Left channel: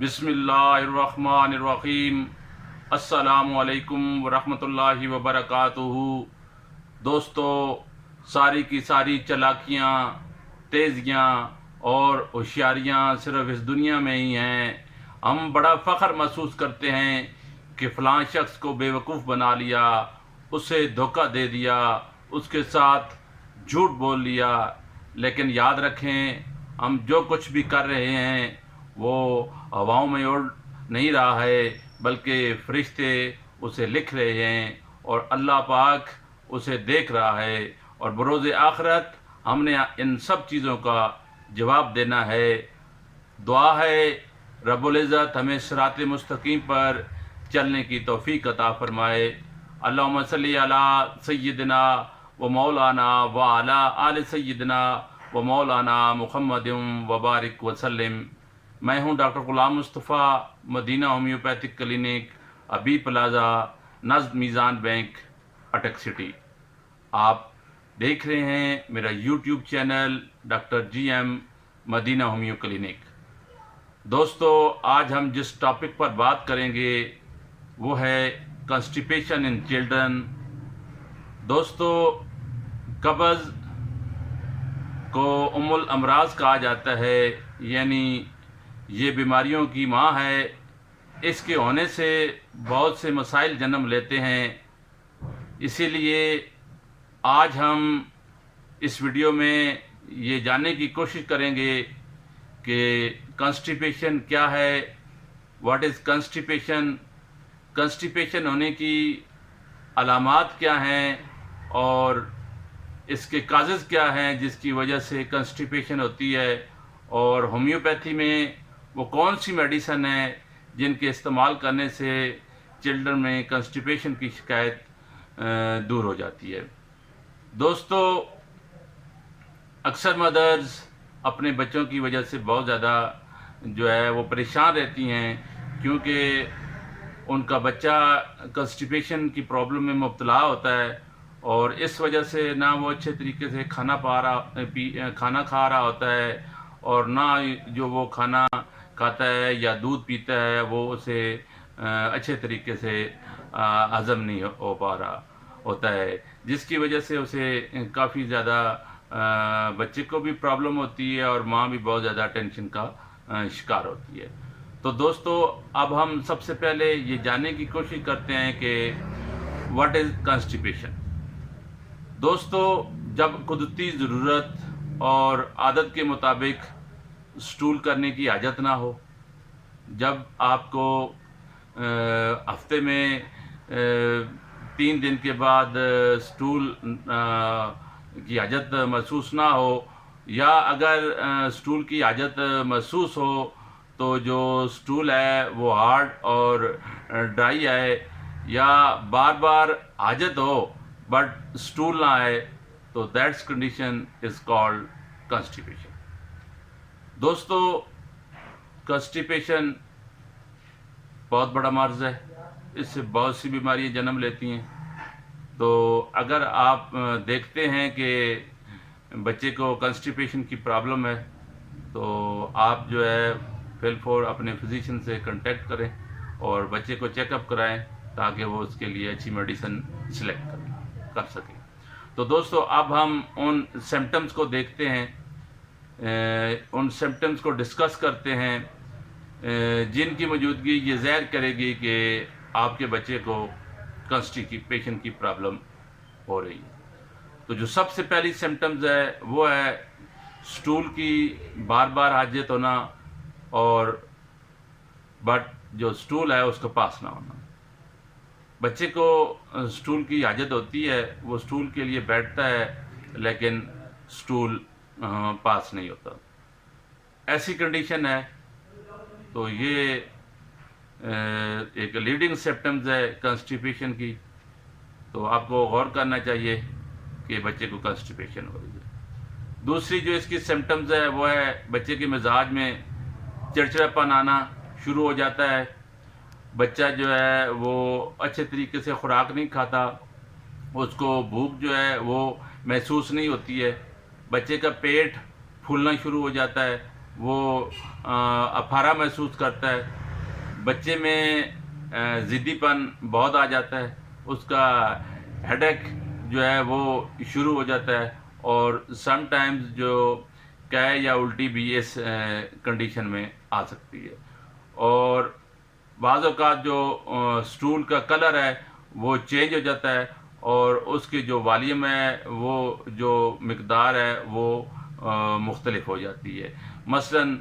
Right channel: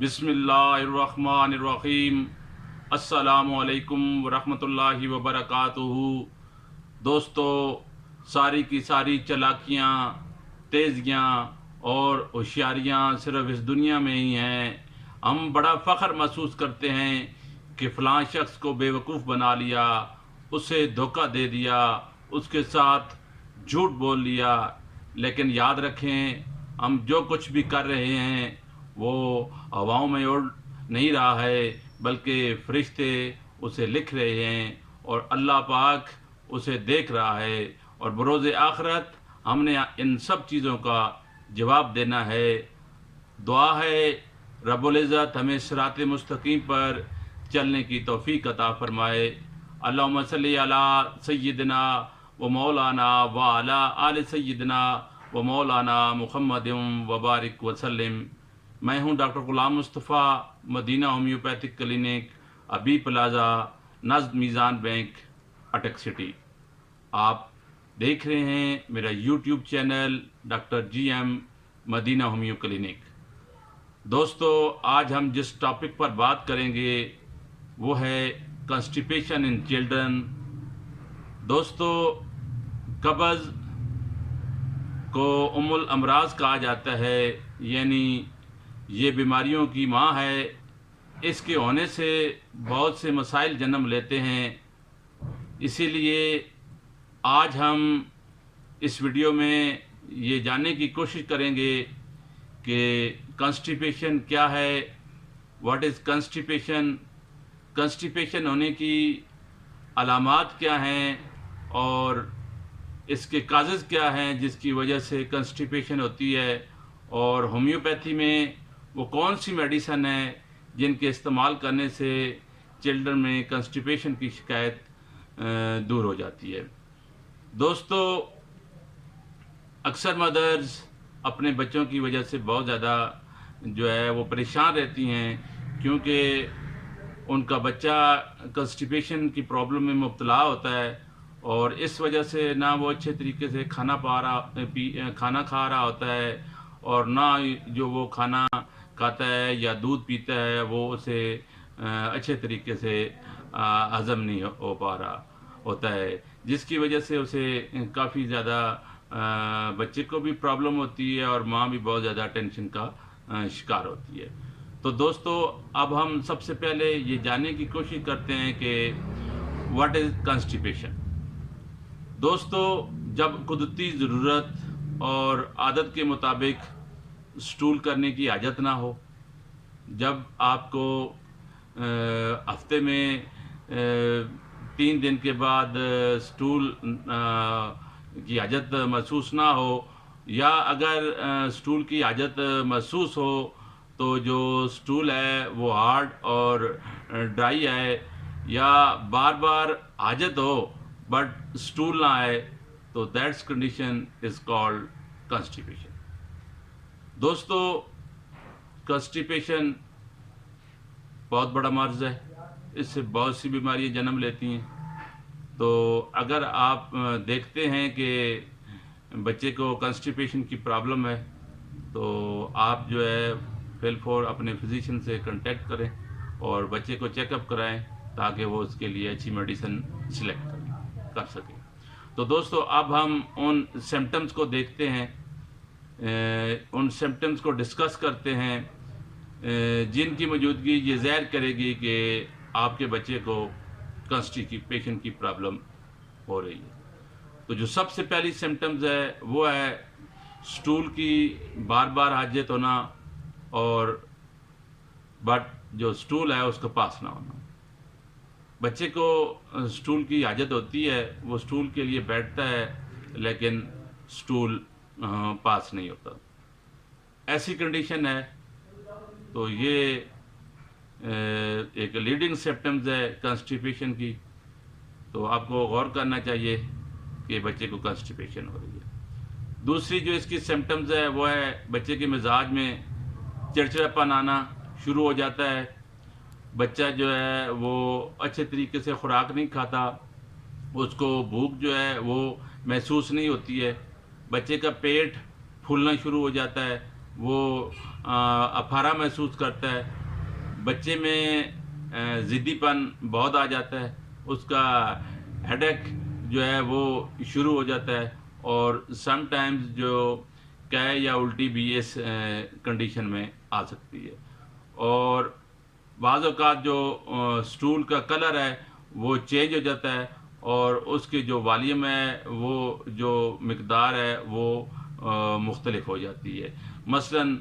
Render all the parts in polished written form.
بسم اللہ الرحمن الرحیم۔ السلام علیکم ورحمۃ اللہ وبرکاتہ۔ دوستو، ساری کی ساری چالاکیاں، تیزیاں اور ہوشیاریاں صرف اس دنیا میں ہی ہیں۔ ہم بڑا فخر محسوس کرتے ہیں کہ فلاں شخص کو بیوقوف بنا لیا، اسے دھوکہ دے دیا، اس کے ساتھ جھوٹ بول لیا، لیکن یاد رکھیں ہم جو کچھ بھی کر رہے ہیں وہ ہواؤں میں اڑ نہیں رہا ہے، بلکہ فرشتے اسے لکھ رہے ہیں اور اللہ پاک اسے دیکھ رہا ہے، اور بروز آخرت ہم نے ان سب چیزوں کا جواب دینا ہے۔ دعا ہے رب العزت ہمیں صراط مستقیم پر چلنے کی توفیق عطا فرمائے۔ اللہم صلی علی سیدنا و مولانا و علی آل سیدنا و مولانا محمد وبارک وسلم۔ میں ہوں doctor Ghulam Mustafa, Madina homeopathic clinic, Abi plaza, نزد میزان بینک، اٹک سٹی۔ آپ دیکھ رہے ہیں میرا YouTube channel doctor G M Madina homeo clinic. دوستو، آج ہم جس ٹاپک پر بات کریں گے وہ ہے کنسٹیپیشن ان چلڈرن۔ دوستو، قبض کو ام الامراض کہا جاتا ہے، یعنی یہ بیماریوں کی ماں ہے۔ اس کے ہونے سے بہت سے مسائل جنم لیتے ہیں۔ اسی لیے آج ہم اس ویڈیو میں یہ جاننے کی کوشش کریں گے کہ کنسٹیپیشن کیا ہے، واٹ از کنسٹیپیشن، کنسٹیپیشن ہونے کی علامات کیا ہیں، اور اس کے کازز کیا ہیں جس کی وجہ سے کنسٹیپیشن ہوتی ہے، اور ہومیوپیتھی میں وہ کون سی میڈیسن ہیں جن کے استعمال کرنے سے چلڈرن میں کنسٹیپیشن کی شکایت دور ہو جاتی ہے۔ دوستو، اکثر مدرز اپنے بچوں کی وجہ سے بہت زیادہ جو ہے وہ پریشان رہتی ہیں، کیونکہ ان کا بچہ کنسٹیپیشن کی پرابلم میں مبتلا ہوتا ہے، اور اس وجہ سے نہ وہ اچھے طریقے سے کھانا کھا رہا ہوتا ہے، اور نہ جو وہ کھانا کھاتا ہے یا دودھ پیتا ہے وہ اسے اچھے طریقے سے ہضم نہیں ہو پا رہا ہوتا ہے، جس کی وجہ سے اسے کافی زیادہ بچے کو بھی پرابلم ہوتی ہے اور ماں بھی بہت زیادہ ٹینشن کا شکار ہوتی ہے۔ تو دوستو، اب ہم سب سے پہلے یہ جاننے کی کوشش کرتے ہیں کہ واٹ از کنسٹیپیشن۔ دوستو، جب قدرتی ضرورت اور عادت کے مطابق سٹول کرنے کی حاجت نہ ہو، جب آپ کو ہفتے میں 3 دن کے بعد سٹول کی حاجت محسوس نہ ہو، یا اگر سٹول کی حاجت محسوس ہو تو جو سٹول ہے وہ ہارڈ اور ڈرائی ہے، یا بار بار حاجت ہو بٹ سٹول نہ آئے، تو دیٹس کنڈیشن از کالڈ کنسٹیپیشن۔ دوستو، کنسٹیپیشن بہت بڑا مرض ہے، اس سے بہت سی بیماریاں جنم لیتی ہیں۔ تو اگر آپ دیکھتے ہیں کہ بچے کو کنسٹیپیشن کی پرابلم ہے تو آپ جو ہے فی الفور اپنے فزیشین سے کنٹیکٹ کریں اور بچے کو چیک اپ کرائیں تاکہ وہ اس کے لیے اچھی میڈیسن سلیکٹ کر سکیں۔ تو دوستو، اب ہم ان سمٹمز کو دیکھتے ہیں، ان سمٹمز کو ڈسکس کرتے ہیں جن کی موجودگی یہ ظاہر کرے گی کہ آپ کے بچے کو کنسٹیپیشن کی پرابلم ہو رہی ہے۔ تو جو سب سے پہلی سمٹمز ہے وہ ہے سٹول کی بار بار حاجت ہونا، اور بٹ جو سٹول ہے اس کا پاس نہ ہونا۔ بچے کو سٹول کی حاجت ہوتی ہے، وہ سٹول کے لیے بیٹھتا ہے لیکن سٹول پاس نہیں ہوتا، ایسی کنڈیشن ہے تو یہ ایک لیڈنگ سمپٹمز ہے کنسٹیپیشن کی۔ تو آپ کو غور کرنا چاہیے کہ بچے کو کنسٹیپیشن ہو رہی ہے۔ دوسری جو اس کی سمپٹمز ہے وہ ہے بچے کے مزاج میں چڑچڑاپن آنا شروع ہو جاتا ہے، بچہ جو ہے وہ اچھے طریقے سے خوراک نہیں کھاتا، اس کو بھوک جو ہے وہ محسوس نہیں ہوتی ہے، بچے کا پیٹ پھولنا شروع ہو جاتا ہے، وہ افارا محسوس کرتا ہے، بچے میں ضدی پن بہت آ جاتا ہے، اس کا ہیڈ ایک جو ہے وہ شروع ہو جاتا ہے، اور سم ٹائمز جو قے یا الٹی بھی اس کنڈیشن میں آ سکتی ہے، اور بعض اوقات جو سٹول کا کلر ہے وہ چینج ہو جاتا ہے، اور اس کی جو والیوم ہے وہ جو مقدار ہے وہ مختلف ہو جاتی ہے۔ مثلاً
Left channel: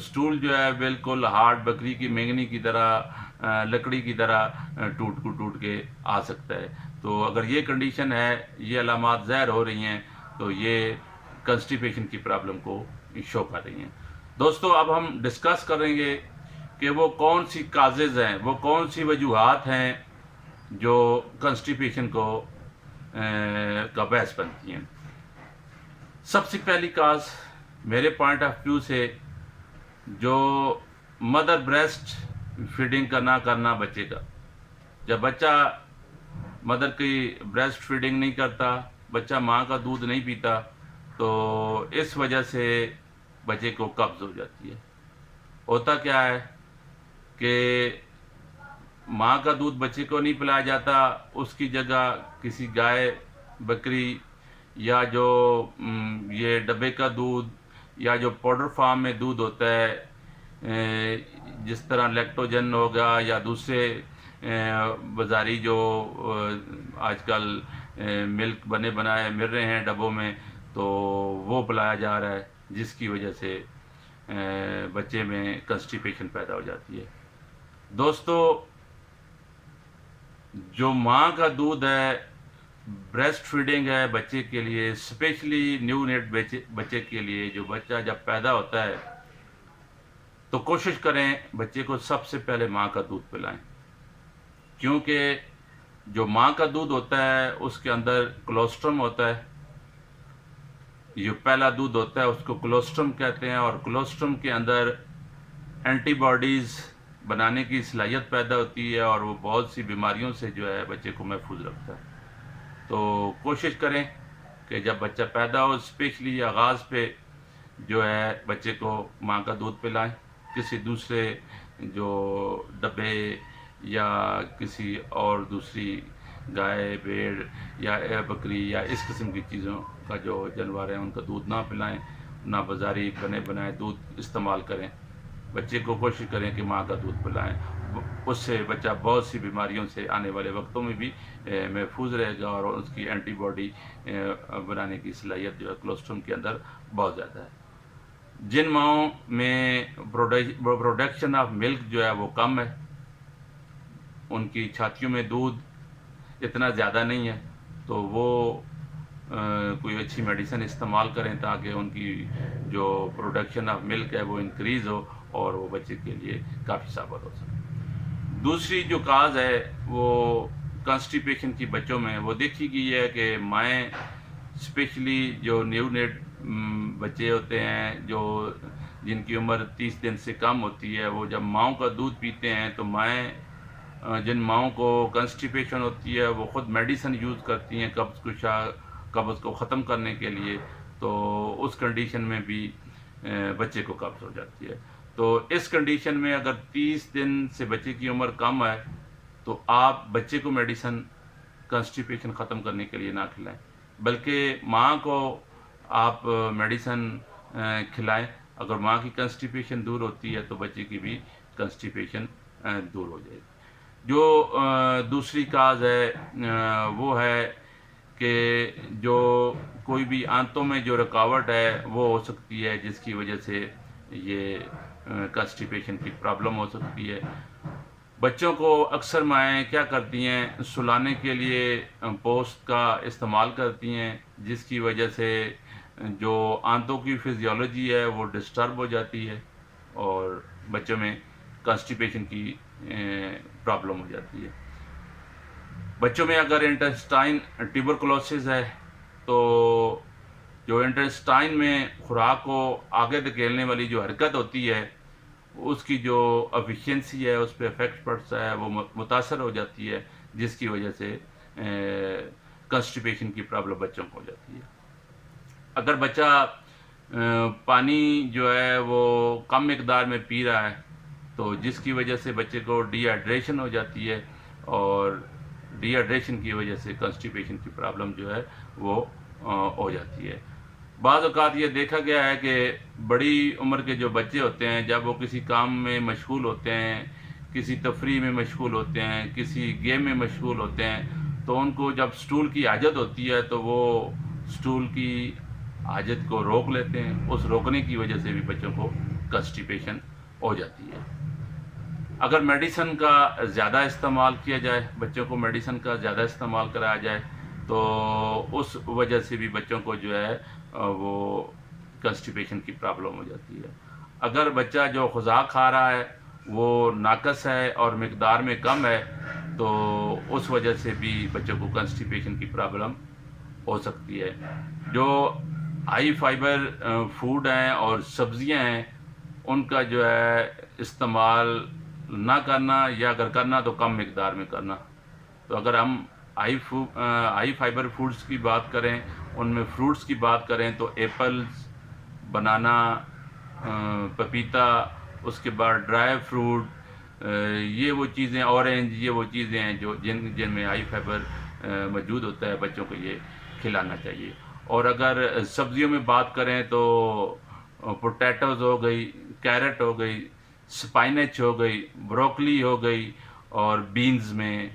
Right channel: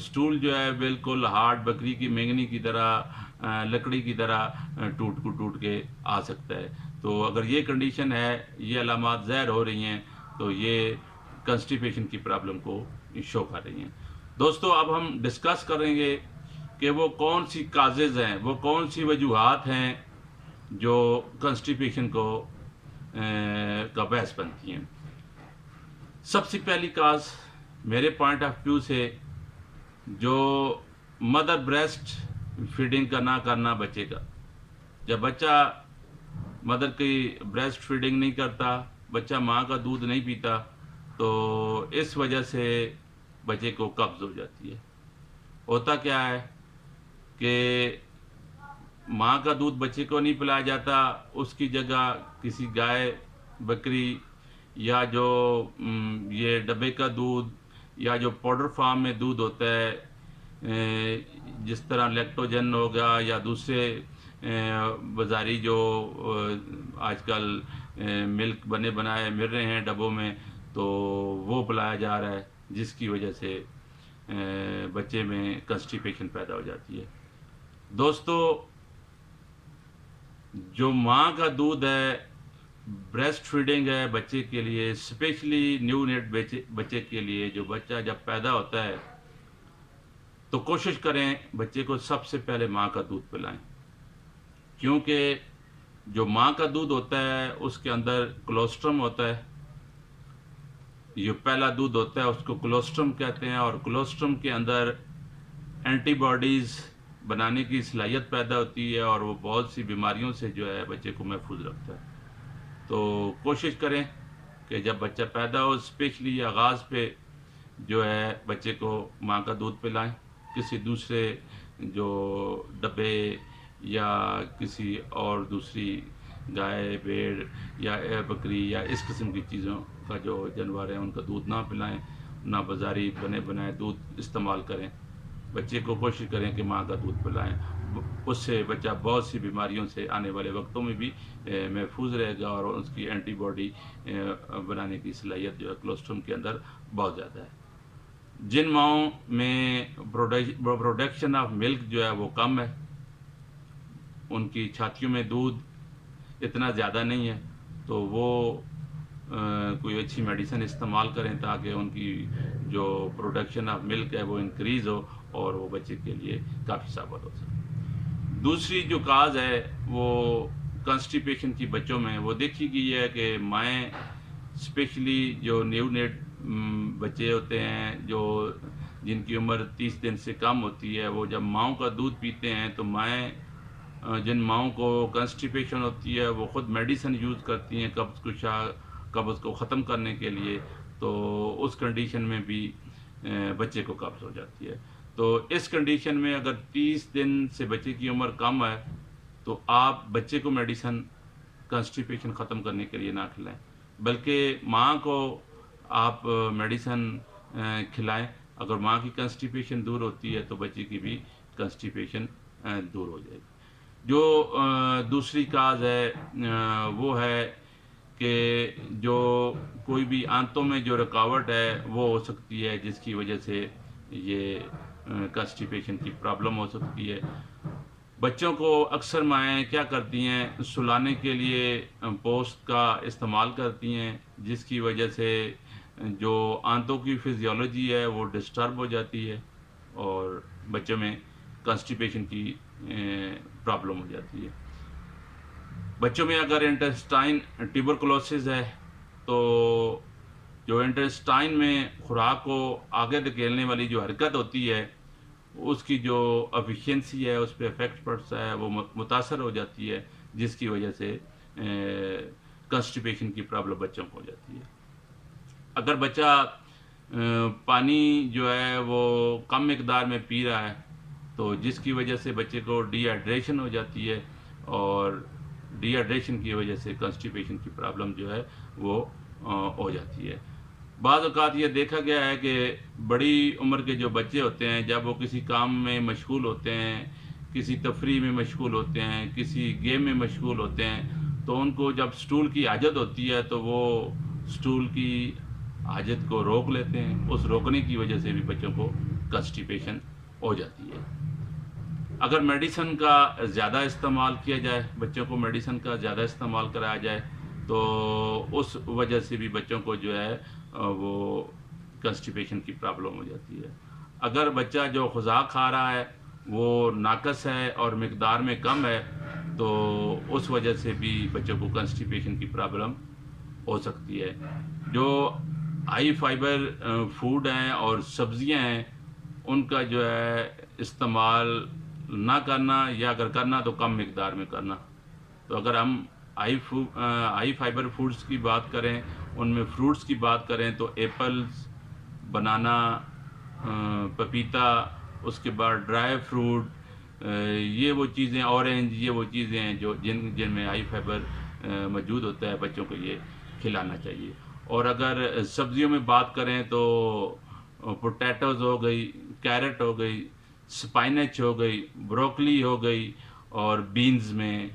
سٹول جو ہے بالکل ہارڈ بکری کی مینگنی کی طرح، لکڑی کی طرح ٹوٹ کے آ سکتا ہے۔ تو اگر یہ کنڈیشن ہے، یہ علامات ظاہر ہو رہی ہیں، تو یہ کنسٹیپیشن کی پرابلم کو شو کر رہی ہیں۔ دوستو اب ہم ڈسکس کریں گے کہ وہ کون سی کازز ہیں، وہ کون سی وجوہات ہیں جو کنسٹیپیشن کو کا باعث بنتی ہیں۔ سب سے پہلی کاز میرے پوائنٹ آف ویو سے جو مدر بریسٹ فیڈنگ کا نہ کرنا بچے کا، جب بچہ مدر کی بریسٹ فیڈنگ نہیں کرتا، بچہ ماں کا دودھ نہیں پیتا، تو اس وجہ سے بچے کو قبض ہو جاتی ہے۔ ہوتا کیا ہے کہ ماں کا دودھ بچے کو نہیں پلایا جاتا، اس کی جگہ کسی گائے، بکری، یا جو یہ ڈبے کا دودھ یا جو پاؤڈر فارم میں دودھ ہوتا ہے، جس طرح لیکٹوجن ہوگا یا دوسرے بازاری جو آج کل ملک بنے بنائے مل رہے ہیں ڈبوں میں، تو وہ پلایا جا رہا ہے، جس کی وجہ سے بچے میں کنسٹیپیشن پیدا ہو جاتی ہے۔ دوستو جو ماں کا دودھ ہے، بریسٹ فیڈنگ ہے بچے کے لیے، اسپیشلی نیو نیٹ بچے کے لیے، جو بچہ جب پیدا ہوتا ہے تو کوشش کریں بچے کو سب سے پہلے ماں کا دودھ پلائیں، کیونکہ جو ماں کا دودھ ہوتا ہے اس کے اندر کولوسٹرم ہوتا ہے، جو پہلا دودھ ہوتا ہے اس کو کولوسٹرم کہتے ہیں، اور کولوسٹرم کے اندر اینٹی باڈیز بنانے کی صلاحیت پیدا ہوتی ہے، اور وہ بہت سی بیماریوں سے جو ہے بچے کو محفوظ رکھتا ہے۔ تو کوشش کریں کہ جب بچہ پیدا ہو، اسپیشلی آغاز پہ جو ہے بچے کو ماں کا دودھ پلائیں، کسی دوسرے جو ڈبے یا کسی اور دوسری گائے، بھیڑ یا بکری یا اس قسم کی چیزوں کا جو جانور ہیں ان کا دودھ نہ پلائیں، نہ بازاری بنے بنائے دودھ استعمال کریں۔ بچے کو کوشش کریں کہ ماں کا دودھ پلائیں، اس سے بچہ بہت سی بیماریوں سے آنے والے وقتوں میں بھی محفوظ رہے گا، اور اس کی اینٹی باڈی بنانے کی صلاحیت جو ہے کولوسٹرم کے اندر بہت زیادہ ہے۔ جن ماؤں میں پروڈکشن آف ملک جو ہے وہ کم ہے، ان کی چھاتیوں میں دودھ اتنا زیادہ نہیں ہے، تو وہ کوئی اچھی میڈیسن استعمال کریں تاکہ ان کی جو پروڈکشن آف ملک ہے وہ انکریز ہو اور وہ بچے کے لیے کافی ثابت ہو سکے۔ دوسری جو کاز ہے وہ کنسٹیپیشن کی بچوں میں وہ دیکھی گئی ہے کہ مائیں، اسپیشلی جو نیو نیٹ بچے ہوتے ہیں جو جن کی عمر 30 دن سے کم ہوتی ہے، وہ جب ماؤں کا دودھ پیتے ہیں تو مائیں، جن ماؤں کو کنسٹیپیشن ہوتی ہے وہ خود میڈیسن یوز کرتی ہیں قبض کو ختم کرنے کے لیے، تو اس کنڈیشن میں بھی بچے کو قبض ہو جاتی ہے۔ تو اس کنڈیشن میں اگر 30 دن سے بچے کی عمر کم ہے تو آپ بچے کو میڈیسن کنسٹیپیشن ختم کرنے کے لیے نہ کھلائیں، بلکہ ماں کو آپ میڈیسن کھلائیں۔ اگر ماں کی کنسٹیپیشن دور ہوتی ہے تو بچے کی بھی کنسٹیپیشن دور ہو جائے گی۔ جو دوسری کاز ہے وہ ہے کہ جو کوئی بھی آنتوں میں جو رکاوٹ ہے وہ ہو سکتی ہے، جس کی وجہ سے یہ کنسٹیپیشن کی پرابلم ہو سکتی ہے۔ بچوں کو اکثر مائیں کیا کرتی ہیں، سلانے کے لیے پوسٹ کا استعمال کرتی ہیں، جس کی وجہ سے جو آنتوں کی فزیولوجی ہے وہ ڈسٹرب ہو جاتی ہے، اور بچوں میں کنسٹیپیشن کی پرابلم ہو جاتی ہے۔ بچوں میں اگر انٹسٹائن ٹیوبرکلوسس ہے تو جو انٹسٹائن میں خوراک کو آگے دھکیلنے والی جو حرکت ہوتی ہے اس کی جو افیشینسی ہے اس پہ افیکٹ پڑتا ہے، وہ متاثر ہو جاتی ہے، جس کی وجہ سے کنسٹیپیشن کی پرابلم بچوں کو ہو جاتی ہے۔ اگر بچہ پانی جو ہے وہ کم مقدار میں پی رہا ہے، تو جس کی وجہ سے بچے کو ڈی ہائیڈریشن ہو جاتی ہے، اور ڈی ہائیڈریشن کی وجہ سے کنسٹیپیشن کی پرابلم جو ہے وہ ہو جاتی ہے۔ بعض اوقات یہ دیکھا گیا ہے کہ بڑی عمر کے جو بچے ہوتے ہیں، جب وہ کسی کام میں مشغول ہوتے ہیں، کسی تفریح میں مشغول ہوتے ہیں، کسی گیم میں مشغول ہوتے ہیں، تو ان کو جب سٹول کی حاجت ہوتی ہے تو وہ سٹول کی حاجت کو روک لیتے ہیں۔ اس روکنے کی وجہ سے بھی بچوں کو کنسٹیپیشن ہو جاتی ہے۔ اگر میڈیسن کا زیادہ استعمال کیا جائے، بچوں کو میڈیسن کا زیادہ استعمال کرایا جائے، تو اس وجہ سے بھی بچوں کو جو ہے وہ کنسٹیپیشن کی پرابلم ہو جاتی ہے۔ اگر بچہ جو غذا کھا رہا ہے وہ ناقص ہے اور مقدار میں کم ہے، تو اس وجہ سے بھی بچوں کو کنسٹیپیشن کی پرابلم ہو سکتی ہے۔ جو ہائی فائبر فوڈ ہیں اور سبزیاں ہیں، ان کا جو ہے استعمال نہ کرنا، یا اگر کرنا تو کم مقدار میں کرنا۔ تو اگر ہم ہائی فائبر فوڈز کی بات کریں، ان میں فروٹس کی بات کریں تو ایپلز، بنانا، پپیتا، اس کے بعد ڈرائی فروٹ، یہ وہ چیزیں، اورنج، یہ وہ چیزیں ہیں جو جن میں ہائی فائبر موجود ہوتا ہے، بچوں کو یہ کھلانا چاہیے۔ اور اگر سبزیوں میں بات کریں تو پوٹیٹوز ہو گئی، کیرٹ ہو گئی، سپائنچ ہو گئی، بروکلی ہو گئی، اور بینز میں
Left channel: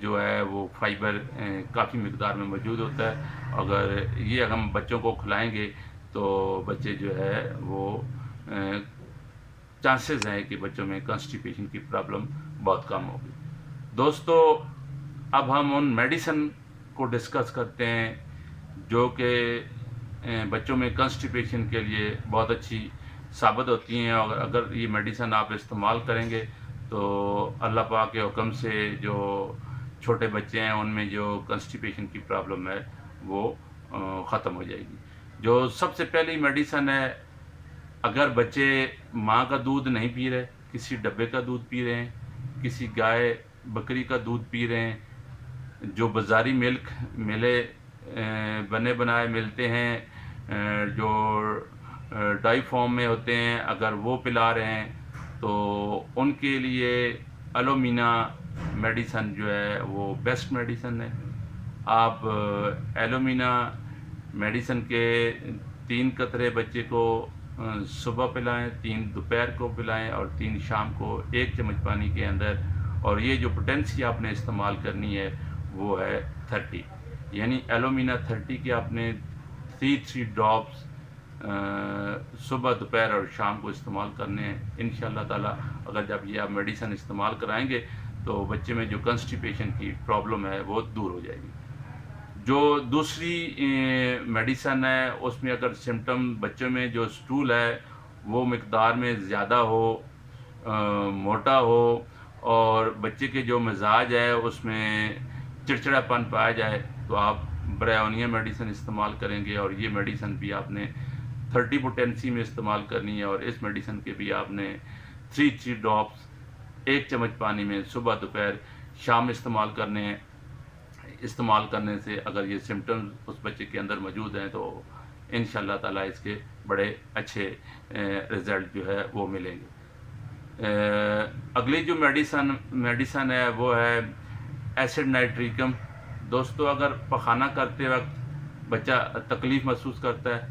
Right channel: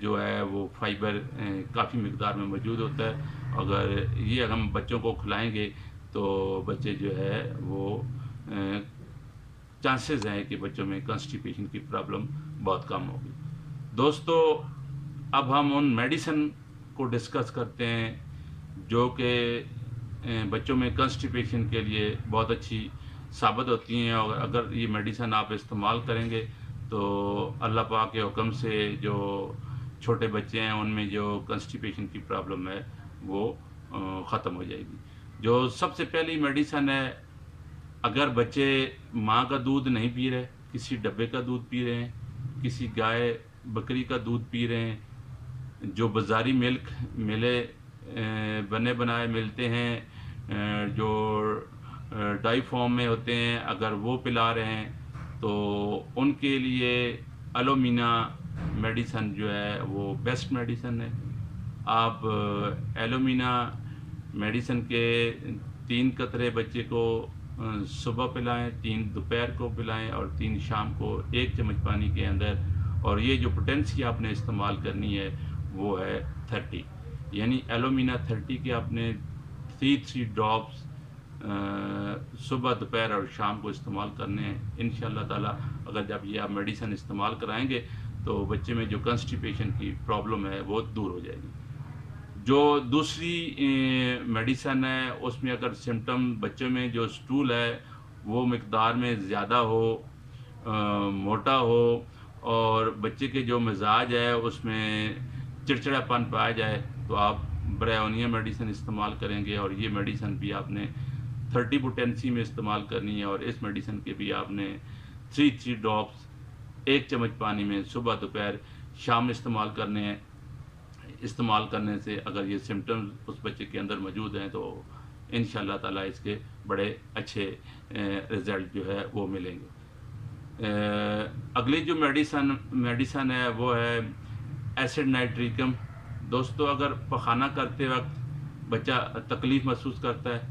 جو ہے وہ فائبر کافی مقدار میں موجود ہوتا ہے۔ اگر یہ ہم بچوں کو کھلائیں گے تو بچے جو ہے وہ چانسز ہیں کہ بچوں میں کنسٹیپیشن کی پرابلم بہت کم ہوگی۔ دوستو، اب ہم ان میڈیسن کو ڈسکس کرتے ہیں جو کہ بچوں میں کنسٹیپیشن کے لیے بہت اچھی ثابت ہوتی ہیں، اور اگر یہ میڈیسن آپ استعمال کریں گے تو اللہ پاک کے حکم سے جو چھوٹے بچے ہیں ان میں جو کنسٹیپیشن کی پرابلم ہے وہ ختم ہو جائے گی۔ جو سب سے پہلی میڈیسن ہے، اگر بچے ماں کا دودھ نہیں پی رہے، کسی ڈبے کا دودھ پی رہے ہیں، کسی گائے بکری کا دودھ پی رہے ہیں، جو بازاری ملک ملے بنے بنائے ملتے ہیں، جو ڈائی فارم میں ہوتے ہیں، اگر وہ پلا رہے ہیں تو ان کے لیے ایلومینا میڈیسن جو ہے وہ بیسٹ میڈیسن ہے۔ آپ ایلومینا میڈیسن کے 3 قطرے بچے کو صبح پلائیں، 3 دوپہر کو پلائیں، اور 3 شام کو 1 چمچ پانی کے اندر۔ اور یہ جو پوٹینسی آپ نے استعمال کرنی ہے وہ ہے 30، یعنی ایلومینا 30 کے آپ نے 3 ڈراپس صبح، دوپہر اور شام کو استعمال کرنے ہیں۔ انشاءاللہ تعالیٰ اگر جب یہ آپ میڈیسن استعمال کرائیں گے تو بچے میں جو کنسٹیپیشن کی پرابلم ہے وہ دور ہو جائے گی۔ جو دوسری میڈیسن ہے، اس میں اگر سمٹم بچوں میں جو سٹول ہے وہ مقدار میں زیادہ ہو، موٹا ہو، اور بچے کے جو مزاج ہے اس میں چڑچڑا پن پایا جائے، تو آپ برائیونیا میڈیسن استعمال کریں گے، اور یہ میڈیسن بھی آپ نے 30 پوٹینسی میں استعمال کرنی ہے، اور اس میڈیسن کے بھی آپ نے 3 ڈراپس 1 چمچ پانی میں صبح، دوپہر، شام استعمال کرنے ہیں۔ استعمال کرنے سے اگر یہ سمٹمز اس بچے کے اندر موجود ہیں تو انشاءاللہ تعالیٰ اس کے بڑے اچھے رزلٹ جو ہے وہ ملیں گے۔ اگلی جو میڈیسن ہے وہ ہے ایسڈ نائٹریکم۔ دوستو، اگر پخانہ کرتے وقت بچہ تکلیف محسوس کرتا ہے،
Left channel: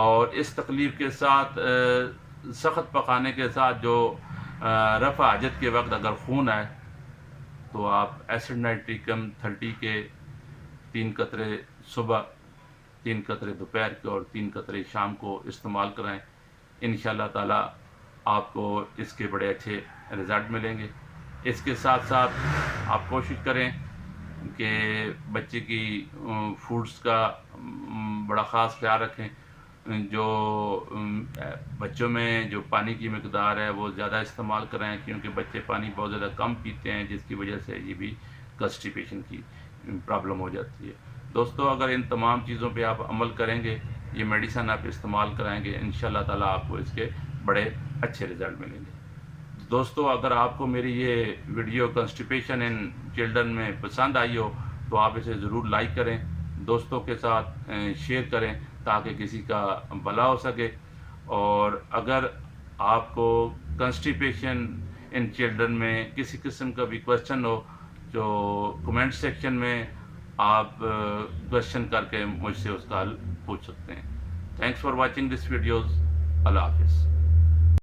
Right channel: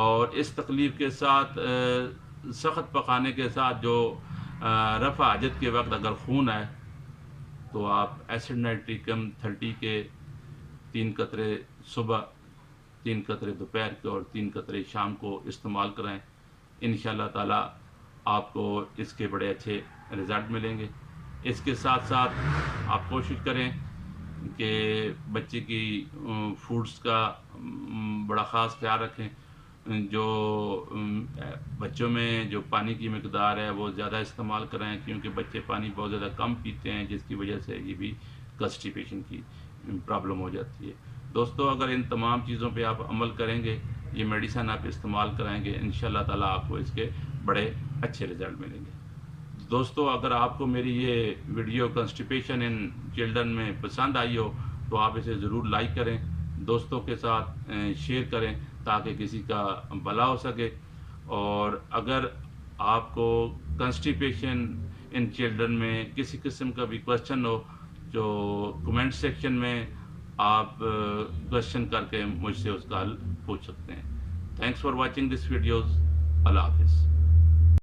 اور اس تکلیف کے ساتھ سخت پخانے کے ساتھ جو رفع حاجت کے وقت اگر خون آئے، تو آپ ایسڈ نائٹریکم 30 کے 3 قطرے صبح، 3 قطرے دوپہر کے، اور 3 قطرے شام کو استعمال کرائیں۔ انشاءاللہ تعالیٰ آپ کو اس کے بڑے اچھے رزلٹ ملیں گے۔ اس کے ساتھ ساتھ آپ کوشش کریں کہ بچے کی فوڈز کا بڑا خاص خیال رکھیں۔ جو بچوں میں جو پانی کی مقدار ہے وہ زیادہ استعمال کرائیں، کیونکہ بچے پانی بہت زیادہ کم پیتے ہیں، جس کی وجہ سے یہ بھی کنسٹیپیشن کی پرابلم ہو جاتی ہے۔ دوستو، اگر ان تمام چیزوں پہ آپ عمل کریں گے، یہ میڈیسن آپ استعمال کرائیں گے، انشاءاللہ تعالیٰ آپ کو اس کے بڑے اچھے رزلٹ ملیں گے۔ دوستو، اگر آپ کو میری یہ ویڈیو کنسٹیپیشن ان چلڈرن میں پسند آئی ہو تو آپ اسے ضرور لائک کریں، دوستوں کے ساتھ شیئر کریں، تاکہ کسی کا بھلا ہو سکے. اور اگر آپ کو کنسٹیپیشن ان چلڈرن میں کسی قسم کا بھی کوشچن ہو جو کمنٹ سیکشن میں آپ کوشچن کر کے مجھ سے اس کا حل پوچھ سکتے ہیں. Thanks for watching this videos. اللہ حافظ.